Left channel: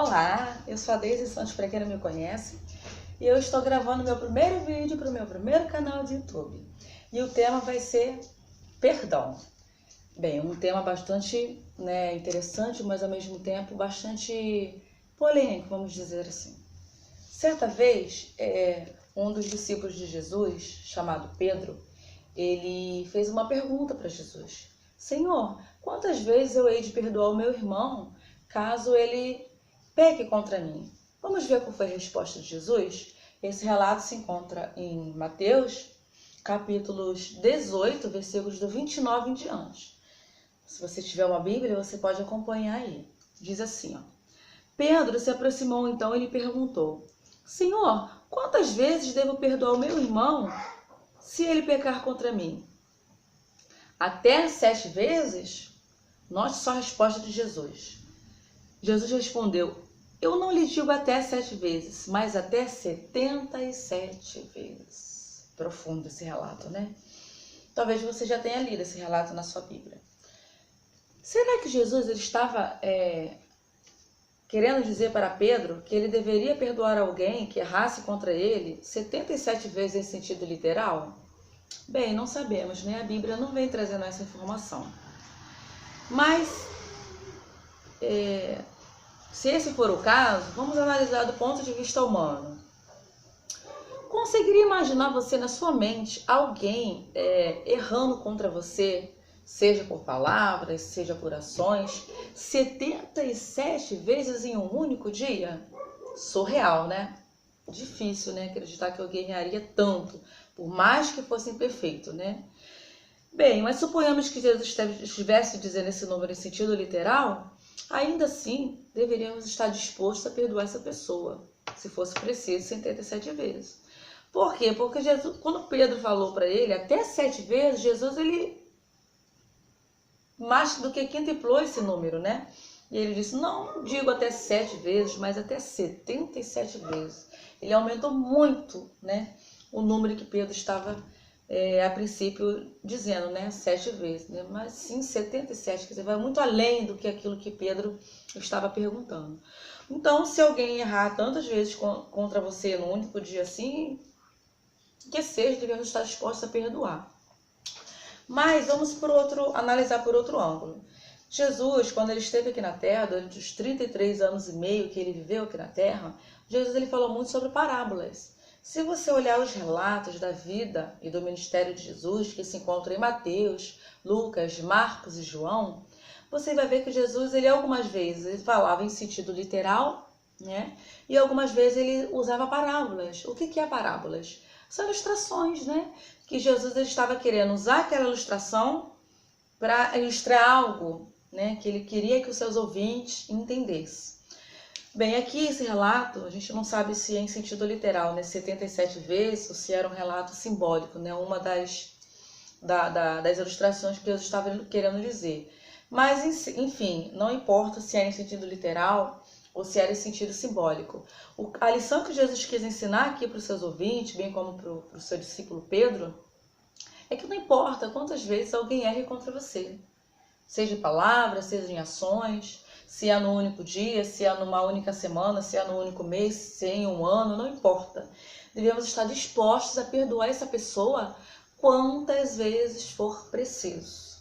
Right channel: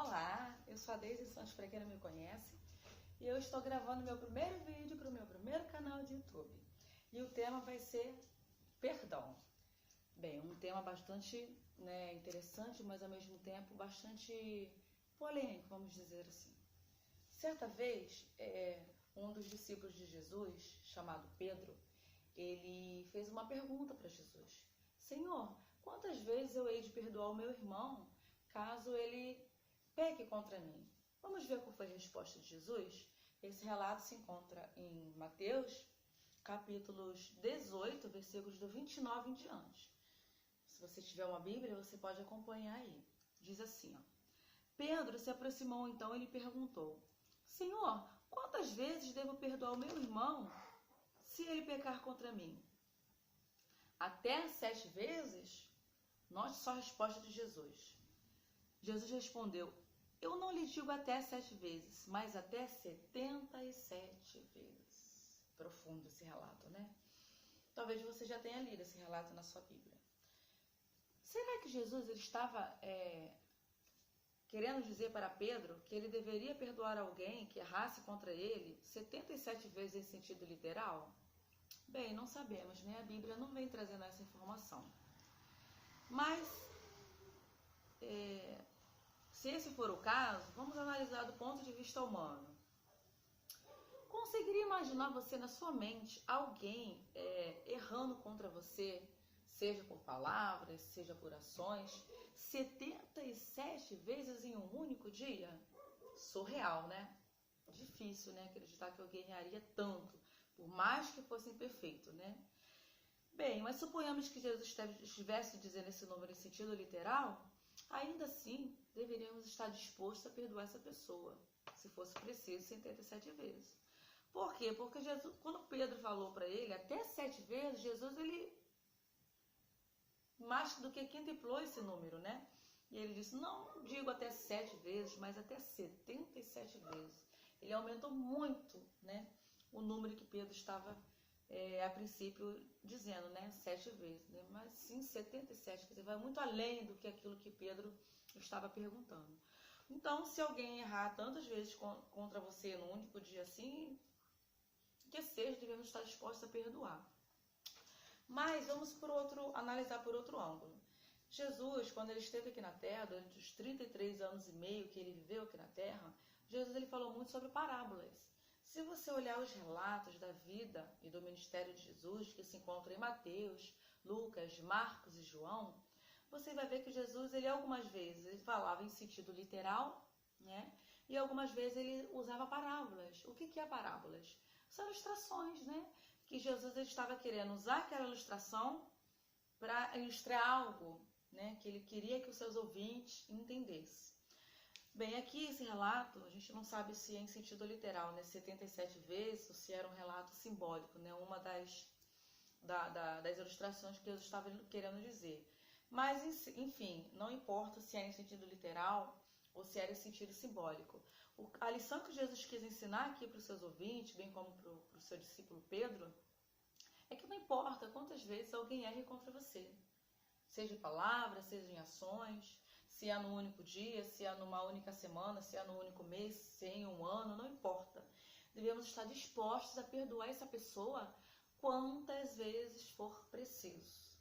Olá, eu sou a Deise Santos, para quem não me conhece, e eu estou gravando meu primeiro vídeo para o meu primeiro canal de YouTube. E o tema vai ser perdão. Bem, um tema bastante interessante, mas ao mesmo tempo bastante polêmico, vamos dizer assim. Certa vez, um dos discípulos de Jesus, chamado Pedro, ele fez uma pergunta para Jesus. Senhor, quantas vezes eu hei de perdoar o meu irmão caso ele peque contra mim? Vamos ver qual foi a resposta de Jesus? Esse relato se encontra em Mateus, capítulos 18, versículos do 29 em diante. Se você tiver uma Bíblia, você pode acompanhar aí. Diz assim, ó. Pedro se aproximou então e lhe perguntou: Senhor, quantas vezes devo perdoar o meu irmão se ele pecar contra mim? Até 7 vezes? Note só a resposta de Jesus. Jesus respondeu: eu não lhe digo até 7 vezes, mas até 77 vezes. Profundo esse relato, né? Talvez você já tenha lido esse relato na sua Bíblia. Será que Jesus ele estava querendo dizer para Pedro que ele deveria perdoar alguém que errasse contra ele 77 vezes em sentido literal? Bem, não sabemos, né? A Bíblia não vem trazendo essa informação. Mas, se esse for o caso, vamos analisar do ponto de vista humano. Conseguiria imaginar você na sua mente alguém errando contra você, seja por palavras, seja por ações, 77 vezes em um único dia? Surreal, né? Difícil, né? Acreditar que alguém erraria tanto, por mais que fosse imperfeito, né? Bem, mas suponhamos que Jesus estivesse dizendo esse número em sentido literal, ainda assim deveríamos estar dispostos a perdoar essa pessoa, se fosse preciso, 77 vezes. Por quê? Porque Jesus, quando Pedro falou para ele até 7 vezes, Jesus ele mais do que quintuplou esse número, né? E ele disse, não digo até 7 vezes, mas até 77 vezes. Ele aumentou muito, né, o número que Pedro estava a princípio dizendo, né, 7 vezes, né? Mas sim 77, quer dizer, vai muito além do que aquilo que Pedro estava perguntando. Então, se alguém errar tantas vezes contra você num único dia assim, que seja, devemos estar dispostos a perdoar. Mas vamos analisar por outro ângulo. Jesus, quando ele esteve aqui na Terra, durante os 33 anos e meio que ele viveu aqui na Terra, Jesus ele falou muito sobre parábolas. Se você olhar os relatos da vida e do ministério de Jesus, que se encontram em Mateus, Lucas, Marcos e João, você vai ver que Jesus, ele algumas vezes ele falava em sentido literal, né? E algumas vezes ele usava parábolas. O que é parábolas? São ilustrações, né? Que Jesus ele estava querendo usar aquela ilustração para ilustrar algo, né? Que ele queria que os seus ouvintes entendessem. Bem, aqui esse relato, a gente não sabe se é em sentido literal, né? 77 vezes, ou se era um relato simbólico, né? Uma das ilustrações que Jesus estava querendo dizer. Mas, enfim, não importa se era em sentido literal ou se era em sentido simbólico. A lição que Jesus quis ensinar aqui para os seus ouvintes, bem como para o seu discípulo Pedro, é que não importa quantas vezes alguém erre contra você, seja em palavras, seja em ações, se é no único dia, se é numa única semana, se é no único mês, se é em um ano, não importa. Devemos estar dispostos a perdoar essa pessoa quantas vezes for preciso.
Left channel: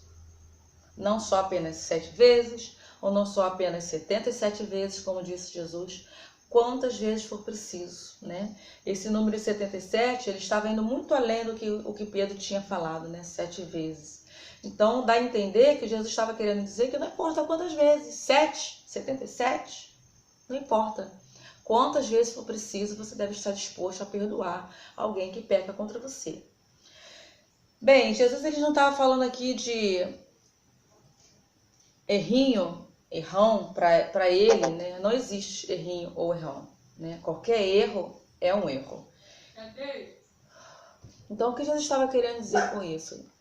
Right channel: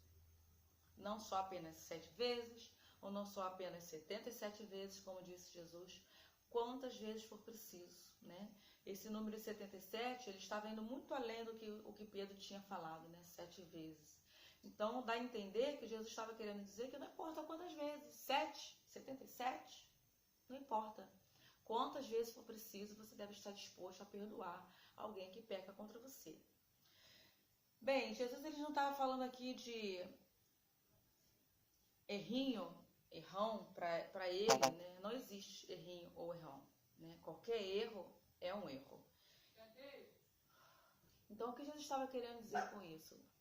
Não só apenas 7 vezes, ou não só apenas 77 vezes, como disse Jesus, quantas vezes for preciso, né? Esse número 77, ele estava indo muito além do que o que Pedro tinha falado, né? 7 vezes. Então, dá a entender que Jesus estava querendo dizer que não importa quantas vezes, 7, 77, não importa. Quantas vezes for preciso, você deve estar disposto a perdoar alguém que peca contra você. Bem, Jesus ele não estava falando aqui de errão para ele, né? Não existe errinho ou errão, né? Qualquer erro é um erro. Então, o que Jesus estava querendo dizer com isso?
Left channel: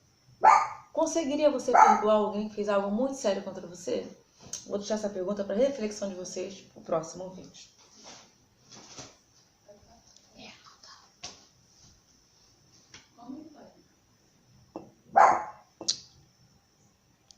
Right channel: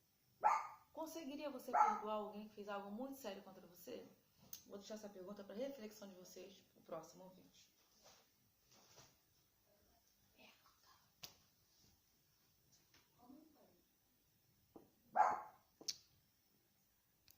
Conseguiria você perdoar alguém que fez algo muito sério contra você? Vou deixar essa pergunta para reflexão de vocês no próximo vídeo.